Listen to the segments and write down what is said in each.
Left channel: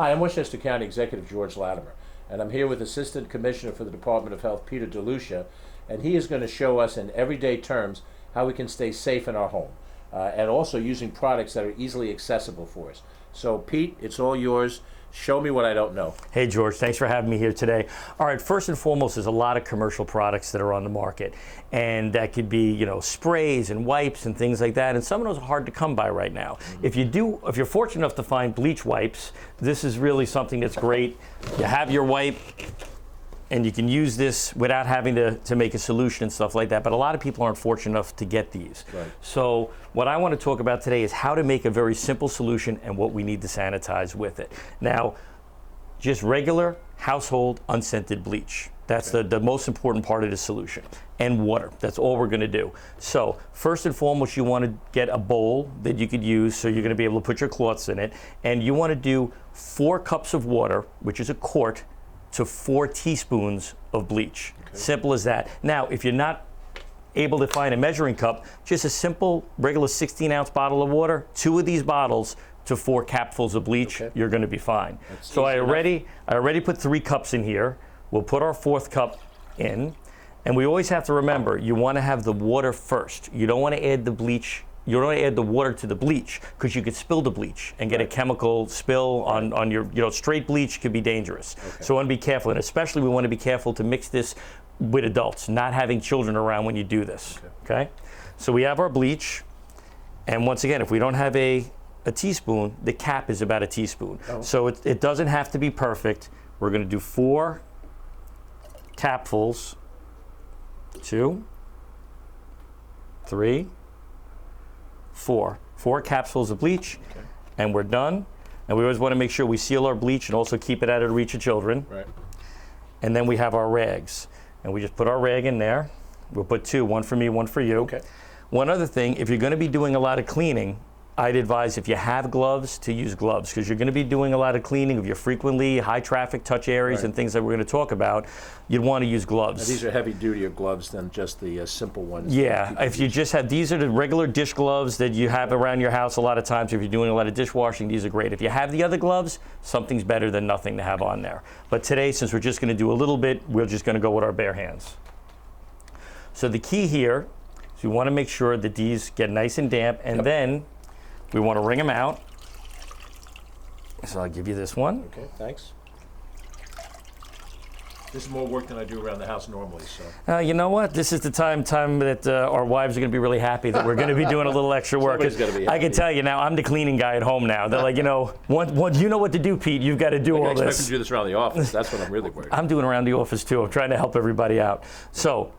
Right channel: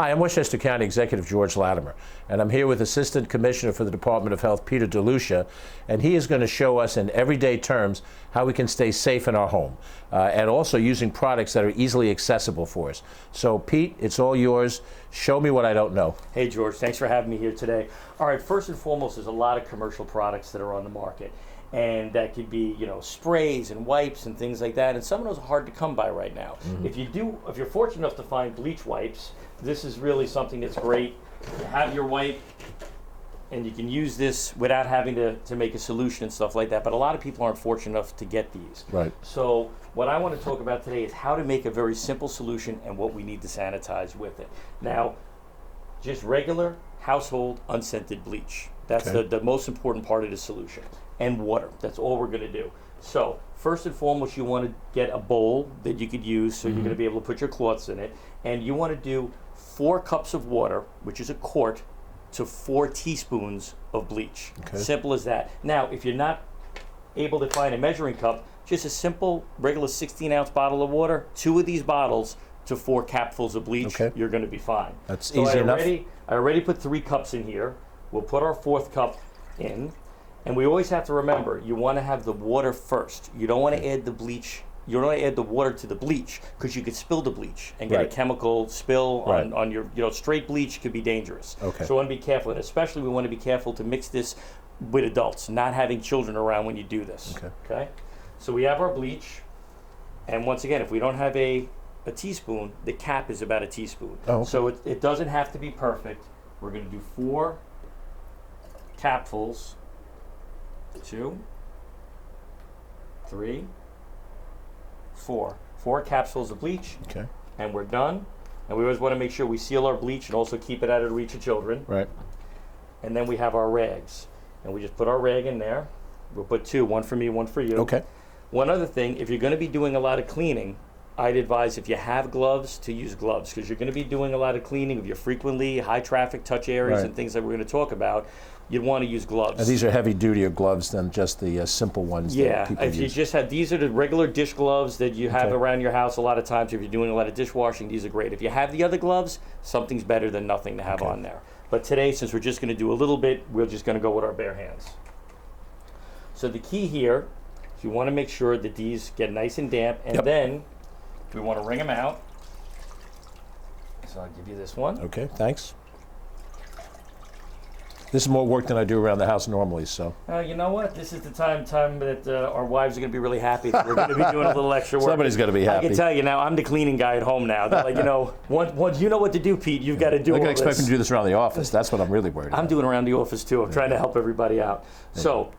Hi, I'm Westchester County Executive George Latimer, and I'm here with Assistant Commissioner for the Department of Health, Peter DeLucia, and he is going to show us in everyday terms how we can stay safe in our home, and also using products that are easily accessible for us. So, Pete, it's all yours. Show me what I don't know. Hey, George, thanks for having me here today. All right, first and foremost, there's a lot of commercial products that are on the market, and that could be, sprays and wipes and things like that, and some of those are hard to come by right now. If you're fortunate enough to find bleach wipes, this is really something that's great. You have your wipe, and you can use this without having to make a solution and stuff like that, but a lot of people aren't fortunate enough to get these. Right. So what I want to talk about today is how to make a very simple solution and what we need to sanitize with it. Now, just regular household unscented bleach. That's the most important part of the solution. And water, that's all we're gonna do. So first and foremost, you wanna get a bowl that you could use, so you're gonna be able to put your cloths in it, and you wanna do 4 cups of water, which is a quart, to 4 teaspoons of bleach. Simple as that. Now, if you're not able to find a measuring cup, just a simple regular 16-ounce bottle of water, 2 of these bottles to 4 capfuls of bleach, you're gonna be fine. That's so easy I already put 3 cups in here. We'll put our 4th cup in, and we always have to remember, you wanna have the water first. You don't wanna add the bleach, you don't wanna add the water to the bleach, because you could spill the bleach and get a chemical spill on your, straight bleach could be dangerous. So we wanna be careful, and especially we wanna be careful to mix this with adults, not having children around when you do this, okay? So we have our bleach, and once again, if we don't have a teaspoon, the cap is about a teaspoon. So it doesn't have to be perfect. We're gonna do 4 capfuls, 2, 3, 4 capsules of bleach, and we're done. And we always want to make sure we seal our bleach and also keep it out of the reach of children. Right. And then we have our rags, and we just put our rag in there. We'll put 2, one for me, one for you. Okay. One other thing, if you're going to be doing a lot of cleaning, I'd advise, if you have gloves, to use gloves, because you're going to be doing a lot of cleaning of your frequently high traffic touch areas and things that we're going to talk about. You'd want to use gloves. Now, these are heavy duty gloves than just the simple ones. Yeah, if you just have, these are the regular dish gloves that you have around your house a lot of times. If you're doing a lot of dishwashing, these are great. If you have the other gloves, something's better than nothing to have on there. But today, since we're just going to do a little bit, we're just going to go with our bare hands. So the key here is we want to make sure that these get nice and damp, and then we want to wring them out. So I'll give you this one. Okay, thanks. This is more work than I do around the house normally, so. You know what? This is the time that our wives are going to be really happy that we're going to be doing a little extra work. Somebody's going to be happy. I can tell you now, I'm the cleaning guy at home now. They're like, you know what to do, Pete. You've got to do all this. I expect them to do this around the office. That's what I'm really worried about. I'm doing around the office too. I'm trying to help everybody out. So,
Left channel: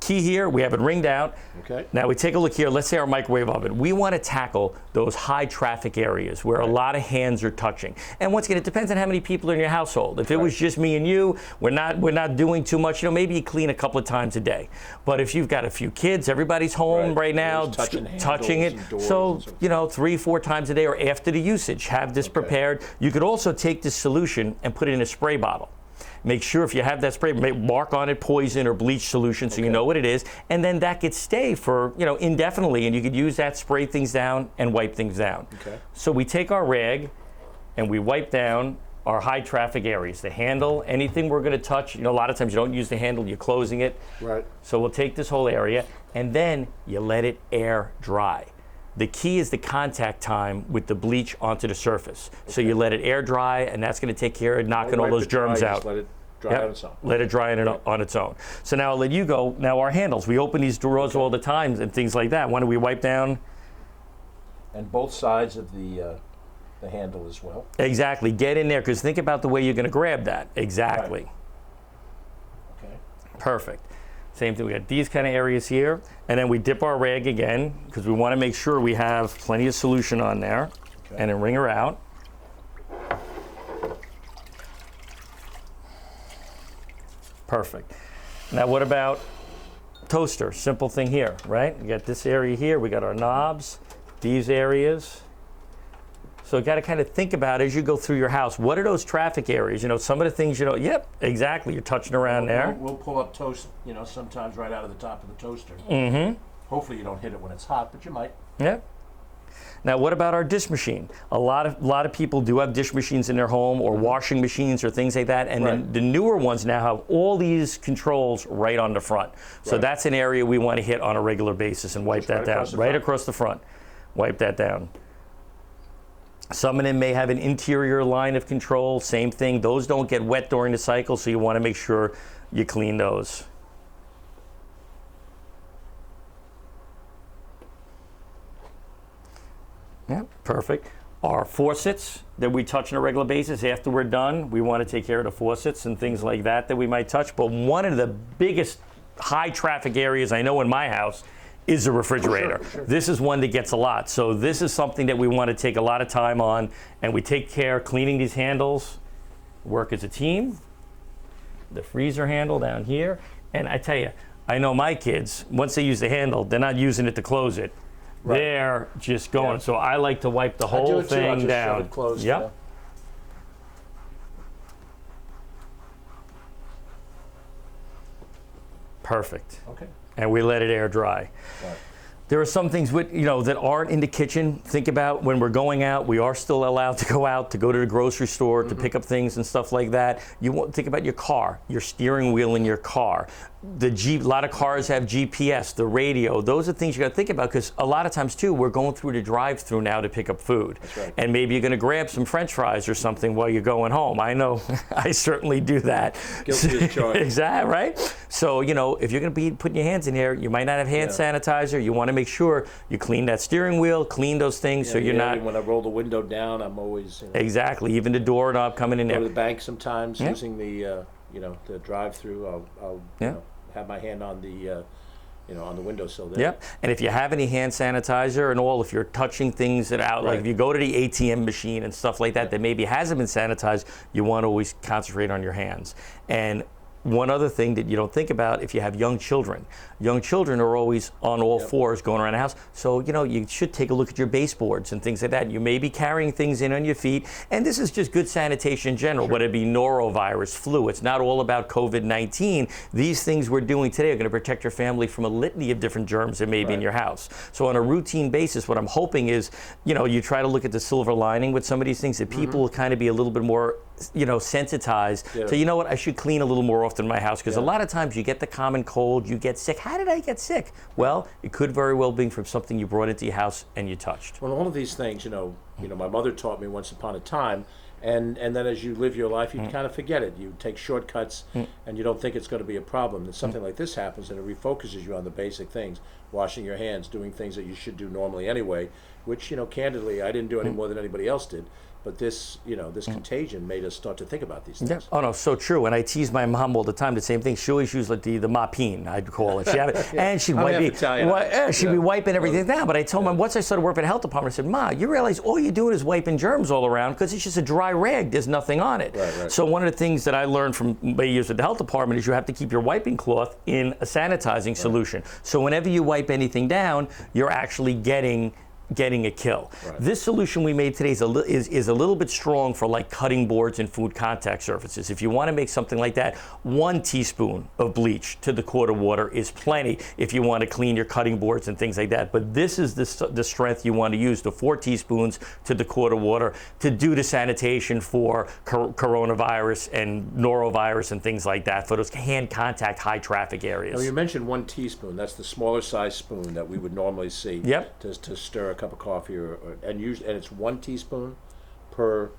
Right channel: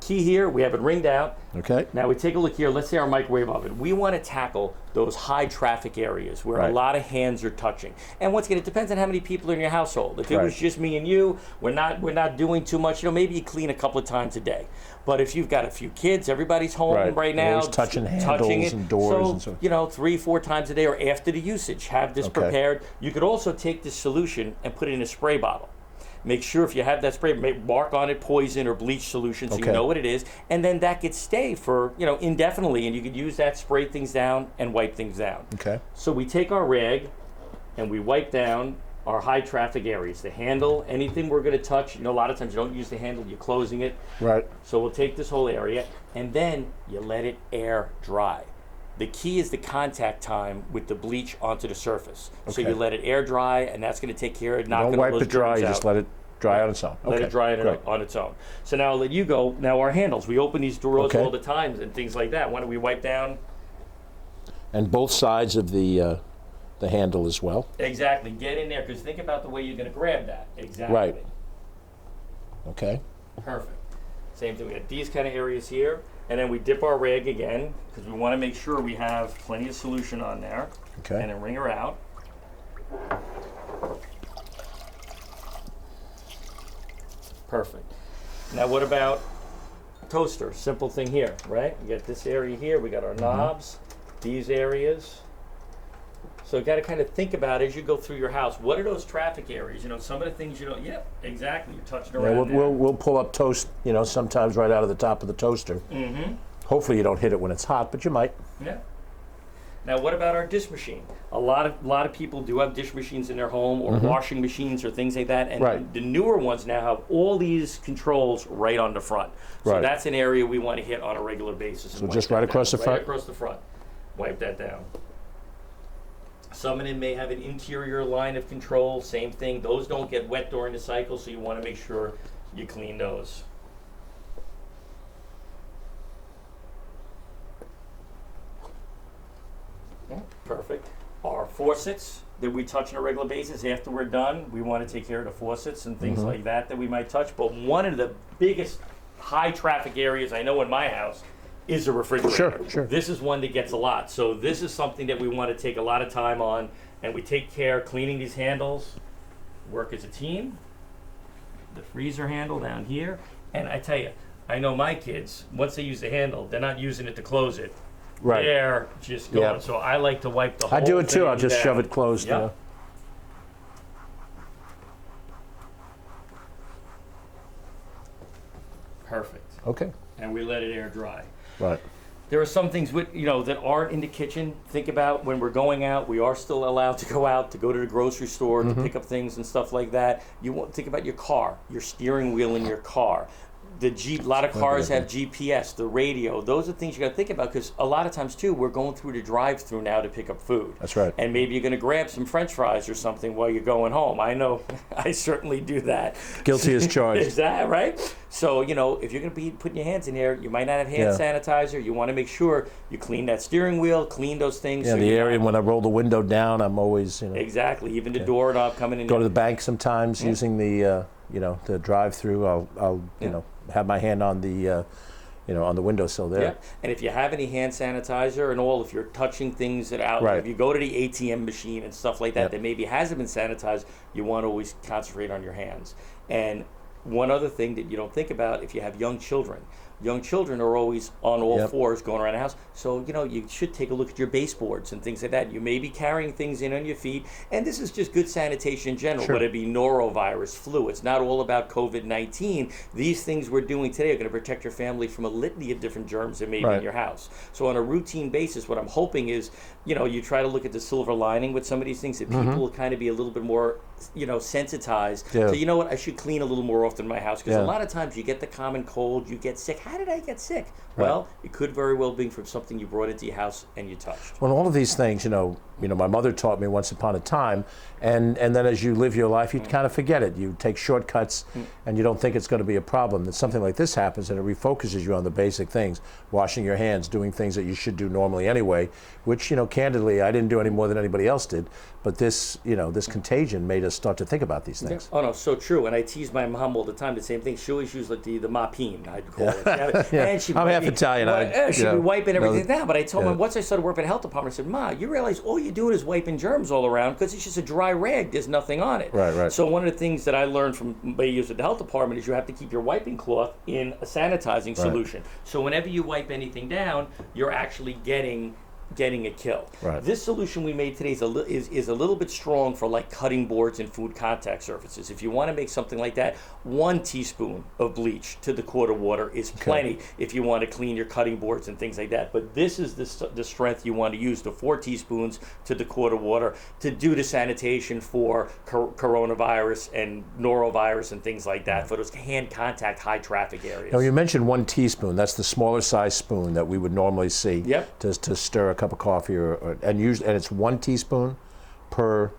key here, we have it ringed out. Okay. Now we take a look here. Let's say our microwave oven. We want to tackle those high traffic areas where a lot of hands are touching. And once again, it depends on how many people are in your household. If it was just me and you, we're not doing too much. Maybe you clean a couple of times a day. But if you've got a few kids, everybody's home right now, touching it. And doors so, and so 3, 4 times a day or after the usage, have this prepared. You could also take this solution and put it in a spray bottle. Make sure if you have that spray, mark on it poison or bleach solution so you know what it is, and then that could stay for indefinitely, and you could use that, spray things down and wipe things down. So we take our rag and we wipe down our high traffic areas, the handle, anything we're going to touch. A lot of times you don't use the handle, you're closing it. Right. So we'll take this whole area and then you let it air dry. The key is the contact time with the bleach onto the surface. So you let it air dry, and that's going to take care of knocking all those germs out. Just let it dry on its own. Let it dry on its own. So now I'll let you go. Now our handles, we open these drawers all the time and things like that. Why don't we wipe down? And both sides of the handle as well. Exactly. Get in there, because think about the way you're going to grab that. Exactly. Okay. Perfect. Same thing, we got these kind of areas here, and then we dip our rag again, because we want to make sure we have plenty of solution on there, and then wring her out. Perfect. Now what about toaster? Simple thing here, right? We got this area here, we got our knobs, these areas. So you got to kind of think about as you go through your house, what are those traffic areas? Some of the things, yep, exactly, you're touching around there. We'll pull up toast, sometimes right out of the top of the toaster. Hopefully you don't hit it when it's hot, but you might. Yeah. Now, what about our dish machine? A lot of people do have dish machines in their home, or washing machines, or things like that. And then the newer ones now have all these controls right on the front. So that's an area we want to hit on a regular basis and wipe that down. Right across the front. Wipe that down. Some of them may have an interior line of control. Same thing. Those don't get wet during the cycle, so you want to make sure you clean those. Yeah, perfect. Our faucets that we touch on a regular basis, after we're done, we want to take care of the faucets and things like that we might touch. But one of the biggest high traffic areas I know in my house is a refrigerator. Sure. This is one that gets a lot. So this is something that we want to take a lot of time on, and we take care cleaning these handles, work as a team. The freezer handle down here. And I tell you, I know my kids, once they use the handle, they're not using it to close it. They're just going. So I like to wipe the whole thing down. I do it too. I just shove it closed. Yep. Perfect. Okay. And we let it air dry. Right. There are some things that aren't in the kitchen. Think about when we're going out. We are still allowed to go out, to go to the grocery store, to pick up things and stuff like that. You want to think about your car, your steering wheel in your car. A lot of cars have GPS, the radio. Those are things you got to think about, because a lot of times too, we're going through the drive-through now to pick up food. That's right. And maybe you're going to grab some French fries or something while you're going home. I know, I certainly do that. Guilty as charged. Exactly, right? So, if you're going to be putting your hands in there, you might not have hand sanitizer. You want to make sure you clean that steering wheel, clean those things. Yeah, so you're not. When I roll the window down, I'm always Exactly. Even the doorknob coming in go there. to the bank sometimes using the the drive-through. I'll have my hand on the on the windowsill there. Yep. And if you have any hand sanitizer and all, if you're touching things that out, like if you go to the ATM machine and stuff like that that maybe hasn't been sanitized, you want to always concentrate on your hands. And one other thing that you don't think about, if you have young children are always on all fours going around the house. So, you should take a look at your baseboards and things like that. You may be carrying things in on your feet. And this is just good sanitation in general, whether it be norovirus, flu. It's not all about COVID-19. These things we're doing today are going to protect your family from a litany of different germs that may be in your house. So on a routine basis, what I'm hoping is, you try to look at the silver lining with some of these things, that people will kind of be a little bit more, sensitized. So you know what, I should clean a little more often in my house, because a lot of times you get the common cold, you get sick. How did I get sick? Well, it could very well be from something you brought into your house and you touched. Well, all of these things, my mother taught me once upon a time, and then as you live your life, you kind of forget it. You take shortcuts, and you don't think it's going to be a problem. Then something like this happens, and it refocuses you on the basic things: washing your hands, doing things that you should do normally anyway. Which, candidly, I didn't do any more than anybody else did. But this, this contagion made us start to think about these things. Yeah. Oh no, so true. And I tease my mom all the time. The same thing. She always used like the moppine, I'd call it. She had it, and she'd be wiping everything down. But I told her once I started working at the health department, I said, "Ma, you realize all you're doing is wiping germs all around, because it's just a dry rag. There's nothing on it." Right. So one of the things that I learned from my years at the health department is you have to keep your wiping cloth in a sanitizing solution. So whenever you wipe anything down, you're actually getting a kill. This solution we made today is a little bit strong for like cutting boards and food contact surfaces. If you want to make something like that, 1 teaspoon of bleach to the quart of water is plenty if you want to clean your cutting boards and things like that. But this is the strength you want to use, the 4 teaspoons to the quart of water, to do the sanitation for coronavirus and norovirus and things like that, for those hand contact high traffic areas. Now, you mentioned 1 teaspoon. That's the smaller size spoon that we would normally see to stir a cup of coffee, and it's 1 teaspoon per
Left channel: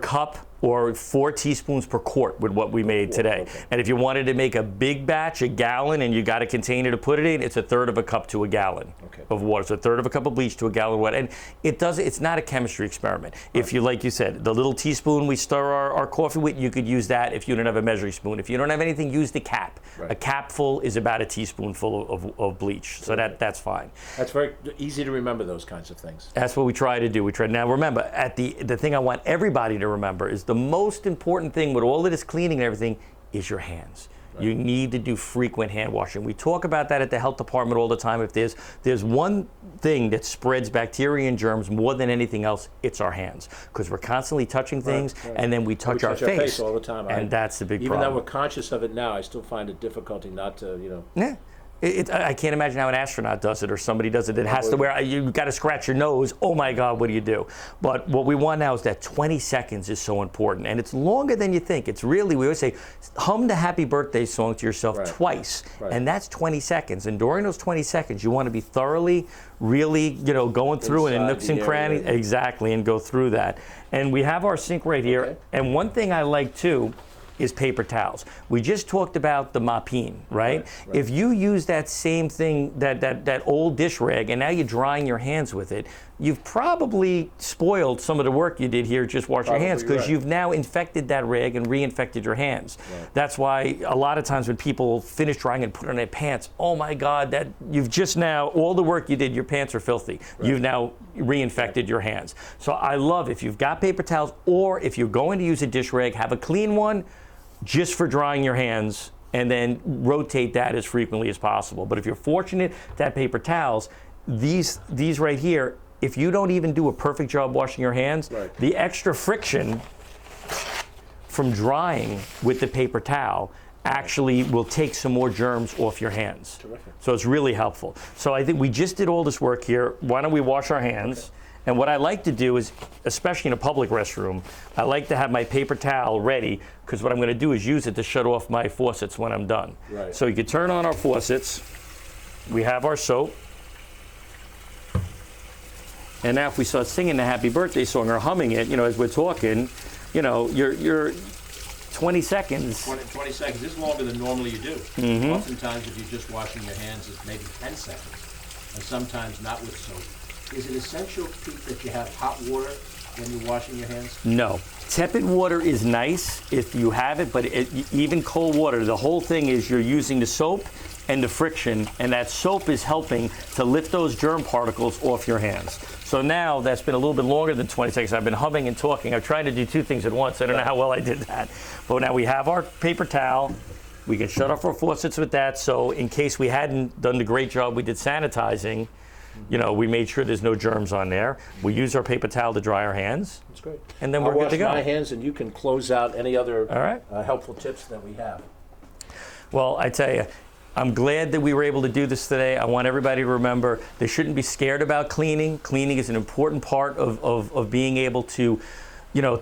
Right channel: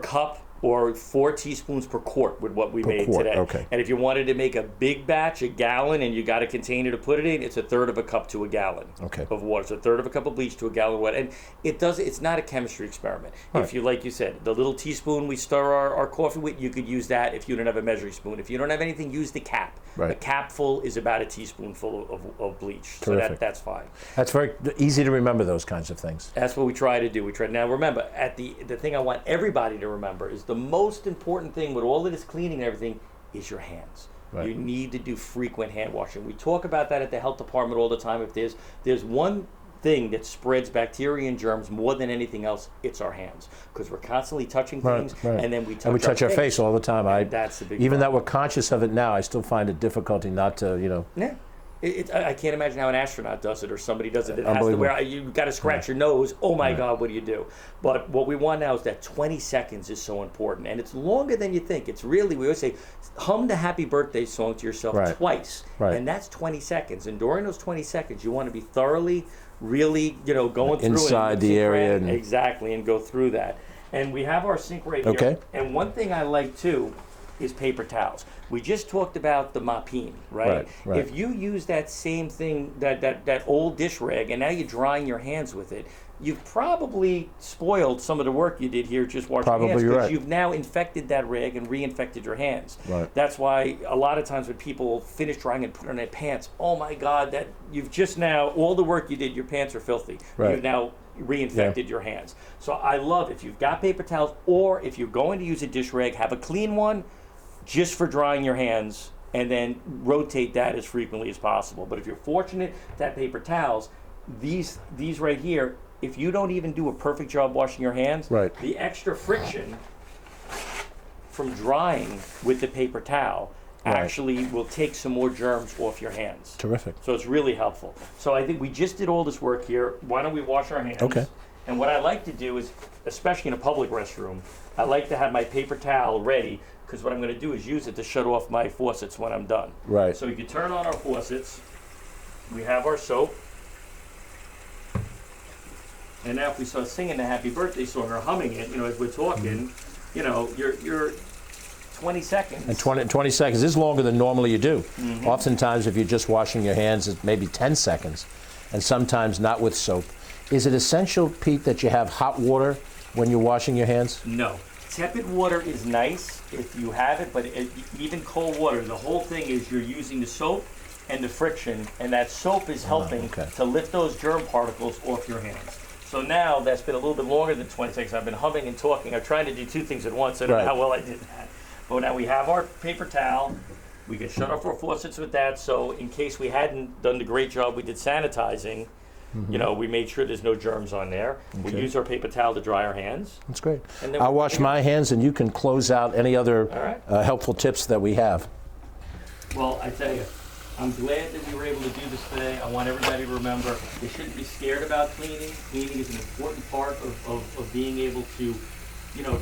cup, or 4 teaspoons per quart with what we made today. Okay. And if you wanted to make a big batch, a gallon, and you got a container to put it in, it's 1/3 of a cup to a gallon of water. So 1/3 of a cup of bleach to a gallon of water. And it's not a chemistry experiment. If you, like you said, the little teaspoon we stir our coffee with, you could use that if you don't have a measuring spoon. If you don't have anything, use the cap. A capful is about a teaspoonful of bleach. Terrific. So that's fine. That's very easy to remember, those kinds of things. That's what we try to do. Now remember, the thing I want everybody to remember is the most important thing with all of this cleaning and everything is your hands. You need to do frequent hand washing. We talk about that at the health department all the time. If there's one thing that spreads bacteria and germs more than anything else, it's our hands, because we're constantly touching things, and then we touch our face all the time. And that's the big even problem. that we're conscious of it now, I still find it difficulty not to, I can't imagine how an astronaut does it or somebody does it that has to wear, you've got to scratch your nose. Oh my God, what do you do? But what we want now is that 20 seconds is so important. And it's longer than you think. It's really, we always say, hum the happy birthday song to yourself twice. And that's 20 seconds. And during those 20 seconds, you want to be thoroughly, really, going through it and nooks and crannies. Exactly, and go through that. And we have our sink right here. Okay. And one thing I like too is paper towels. We just talked about the mopine, right? If you use that same thing, that old dish rag, and now you're drying your hands with it, you've probably spoiled some of the work you did here just wash your hands, because you've now infected that rag and reinfected your hands. That's why a lot of times when people finish drying and put on their pants, oh my God, that you've just now, all the work you did, your pants are filthy. You've now reinfected your hands. So I love, if you've got paper towels, or if you're going to use a dish rag, have a clean one just for drying your hands, and then rotate that as frequently as possible. But if you're fortunate to have paper towels, these right here, if you don't even do a perfect job washing your hands, the extra friction from drying with the paper towel actually will take some more germs off your hands. Terrific. So it's really helpful. So I think we just did all this work here. Why don't we wash our hands? Okay. And what I like to do is, especially in a public restroom, I like to have my paper towel ready, because what I'm going to do is use it to shut off my faucets when I'm done. So you can turn on our faucets. We have our soap. And now if we start singing the happy birthday song or humming it, as we're talking, you're 20 seconds. 20 seconds is longer than normally you do. Oftentimes, if you're just washing your hands, it's maybe 10 seconds, and sometimes not with soap. Is it essential, Pete, that you have hot water when you're washing your hands? No. Tepid water is nice if you have it, but even cold water, the whole thing is you're using the soap and the friction, and that soap is helping to lift those germ particles off your hands. So now that's been a little bit longer than 20 seconds. I've been humming and talking. I'm trying to do two things at once. I don't know how well I did that. But now we have our paper towel. We can shut off our faucets with that. So in case we hadn't done the great job we did sanitizing, we made sure there's no germs on there. We use our paper towel to dry our hands. That's great. And then I'll wash my hands, and you can close out any other helpful tips that we have. Well, I tell you, I'm glad that we were able to do this today. I want everybody to remember they shouldn't be scared about cleaning. Cleaning is an important part of being able to,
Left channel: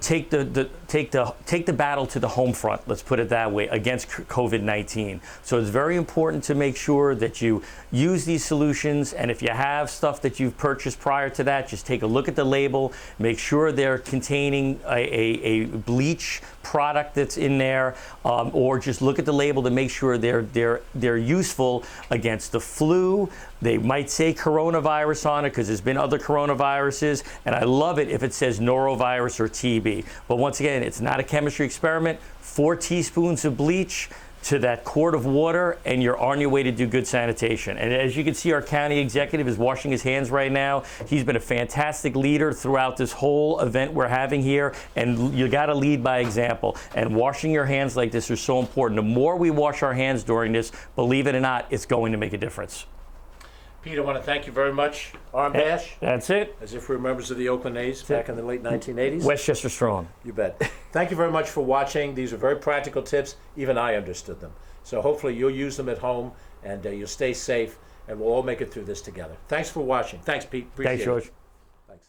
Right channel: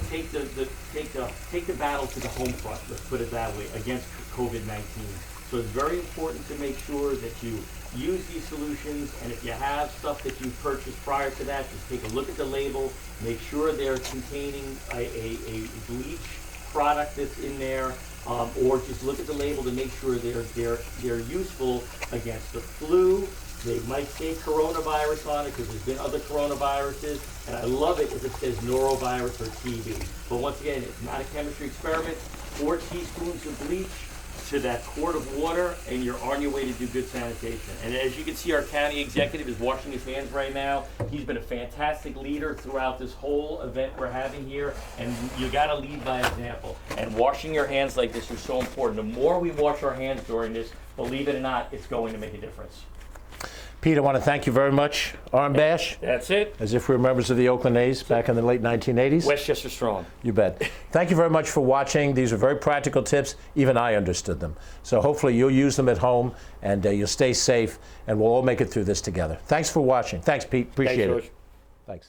take the battle to the home front. Let's put it that way, against COVID-19. So it's very important to make sure that you use these solutions, and if you have stuff that you've purchased prior to that, just take a look at the label, make sure they're containing a bleach product that's in there, or just look at the label to make sure they're useful against the flu. They might say coronavirus on it because there's been other coronaviruses, and I love it if it says norovirus or TB. But once again, it's not a chemistry experiment. 4 teaspoons of bleach to that quart of water, and you're on your way to do good sanitation. And as you can see, our county executive is washing his hands right now. He's been a fantastic leader throughout this whole event we're having here, and you gotta lead by example. And washing your hands like this is so important. The more we wash our hands during this, believe it or not, it's going to make a difference. Pete, I want to thank you very much. Arm dash. That's it. As if we're members of the Oakland A's back in the late 1980s. Westchester strong. You bet. Thank you very much for watching. These are very practical tips. Even I understood them. So hopefully you'll use them at home, and you'll stay safe, and we'll all make it through this together. Thanks for watching. Thanks, Pete. Appreciate it. Thanks, George. Thanks.